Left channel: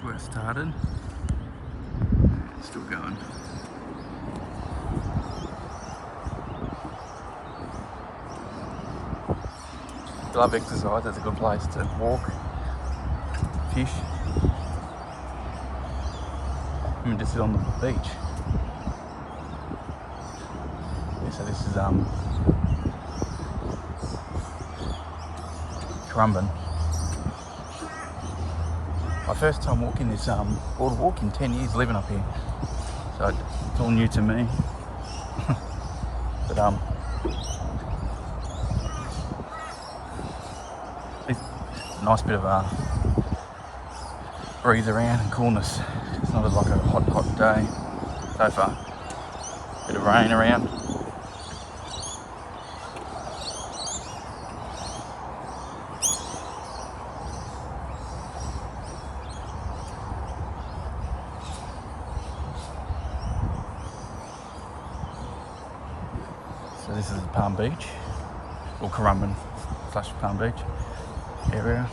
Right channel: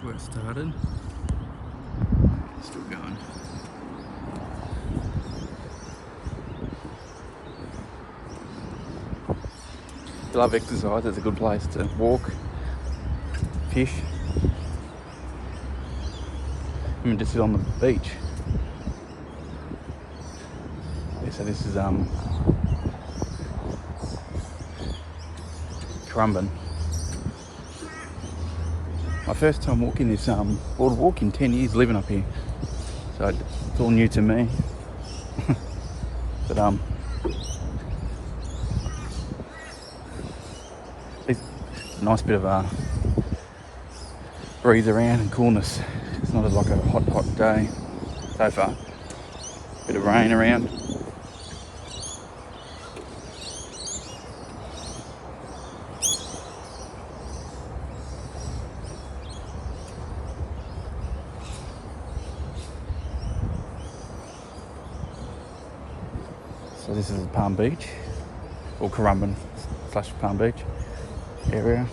to where I started. Still going. If you love exercise, it's a good place to walk, fish, even just sit on the beach. Yeah, so this is Currumbin. My first time walking this boardwalk in 10 years living up here, so it's all new to me. But it's a nice bit of a breeze around and coolness. It's not like a hot day so far. Bit of rain around. So this is Palm Beach, or Currumbin / Palm Beach area.